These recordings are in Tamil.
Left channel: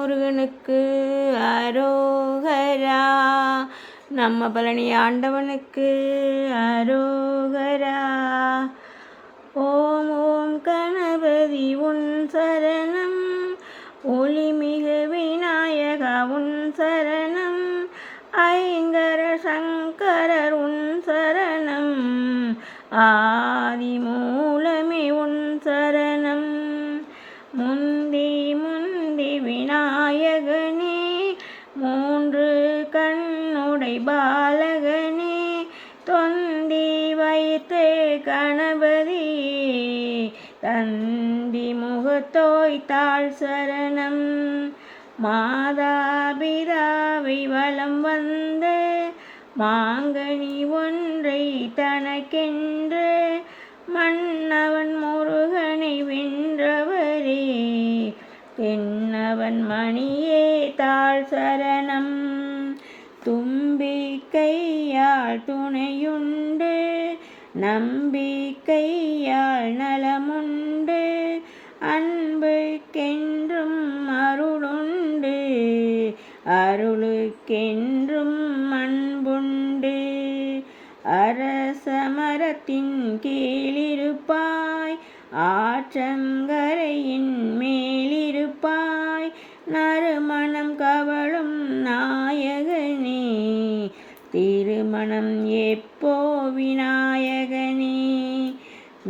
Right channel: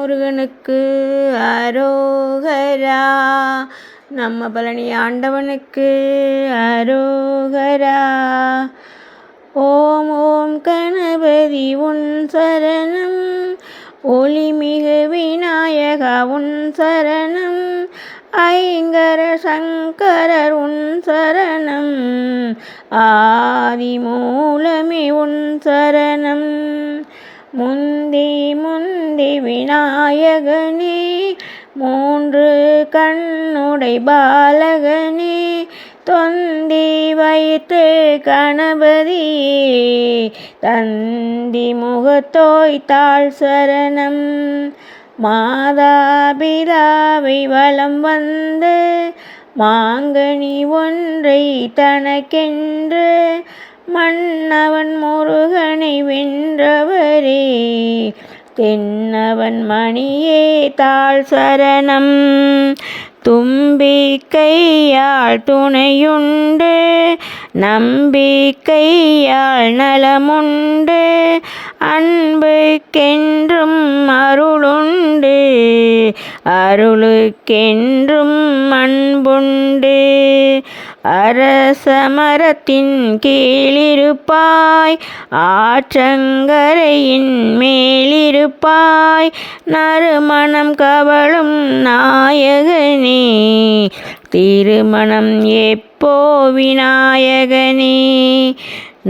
முருகனுக்கு அரோகரா. நம்ம பழனி ஆண்டவனுக்கு அரோகரா. ஓம் ஓம் கணபதி உன் சரணம், ஒளிமிகு விநாயகா உன் சரணம், ஐங்கர சங்கரர் உன் சரணம், ஆதி மூலமே உன் சரணம். முந்தி முந்தி விநாயகனே, மூன்று கண்ணுடை பாலகனே, தொந்தி வயிற்று கணபதியே, தந்தி முகத்தோய் தாழ் சரணம். மாதாபிதாவை வலம் வந்து மாங்கனி ஒன்றை தனக்கென்று மன்னவன் முருகனை வென்றவரே, தென்னவன் மணியே தாழ் சரணம். தும்பிக்கையால் துணையுண்டு, நம்பிக்கையால் நலமுண்டு, அன்புக்கென்றும் அருளுண்டு, அருளுக்கென்றும் அன்புண்டு. அரசமரத்தின் கீழிருப்பாய், ஆற்றங்கரையின் மேலிருப்பாய், நறுமணம் கவளும் நாயகனே, திருமணம் எப்போ விநாயகனே.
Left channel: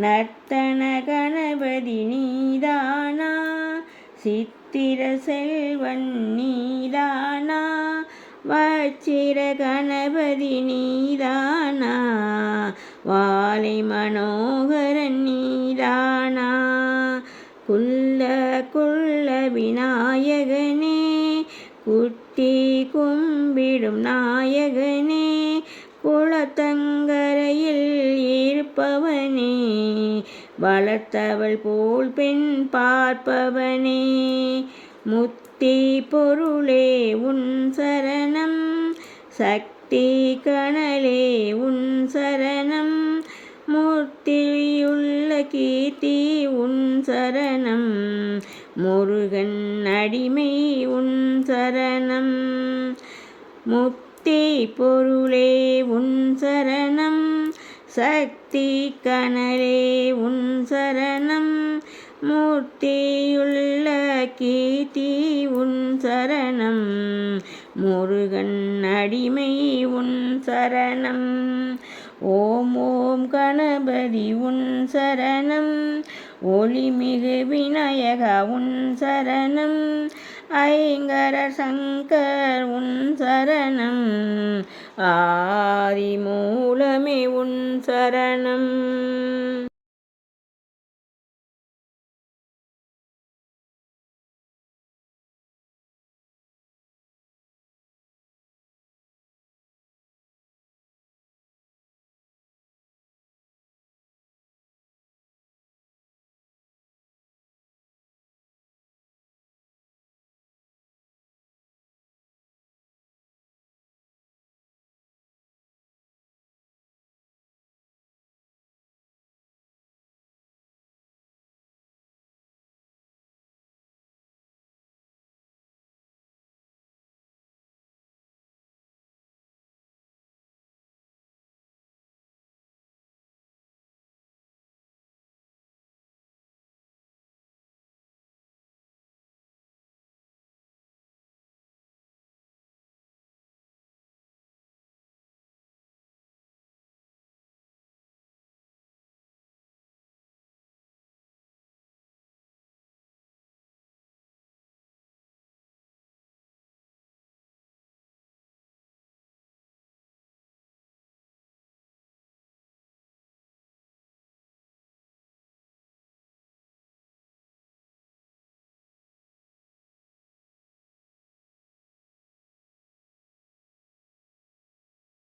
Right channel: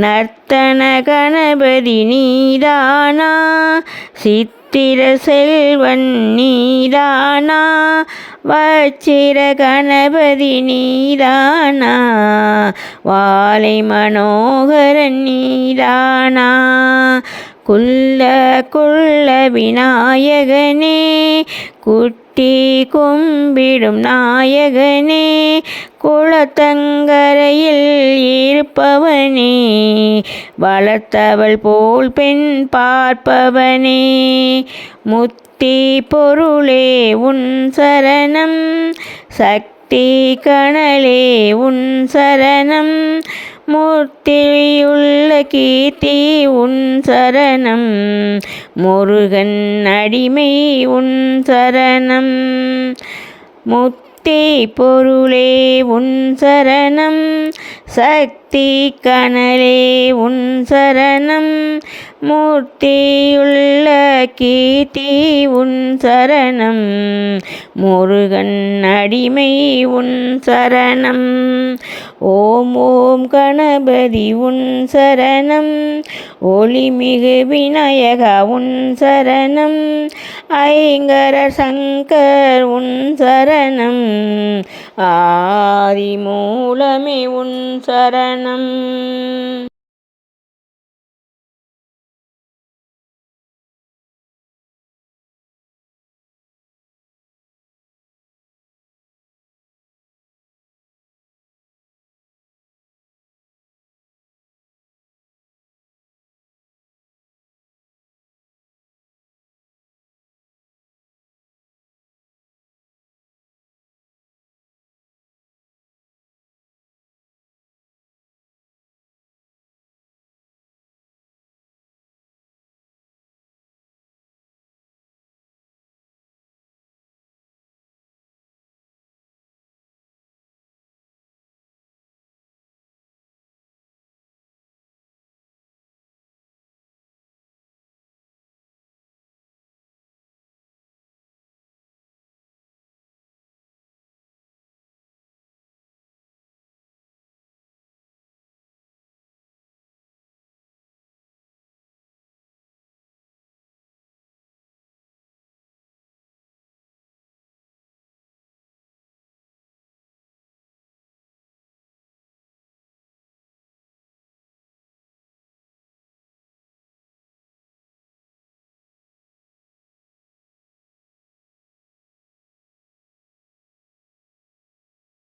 நர்த்தன கணபதி நீதானா, சித்திர செல்வன் நீதானா, வச்சிர கணபதி நீதானா, வாலை மனோகரன் நீதானா. குள்ள குள்ள விநாயகனே, குட்டி கும்பிடும் நாயகனே, குளத்தங்கரையில் இருப்பவனே, வளர்த்தவள் போல் பெண் பார்ப்பவனே, முத்தி பொருளே உன் சரணம், சக்தி கனலே உன் சரணம், மூர்த்தியுள்ள கீர்த்தி உன் சரணம், முருகன் அடிமை உன் சரணம். முத்தி பொருளே உன் சரணம், சக்தி கனலே உன் சரணம், மூர்த்தியுள்ள கீர்த்தி உன் சரணம், முருகன் அடிமை உன் சரணம். ஓம் ஓம் கணபதி உன் சரணம், ஒளிமிகு விநாயகா உன் சரணம், ஐங்கர சங்கர் உன் சரணம், ஆதி மூலமே உன் சரணம்.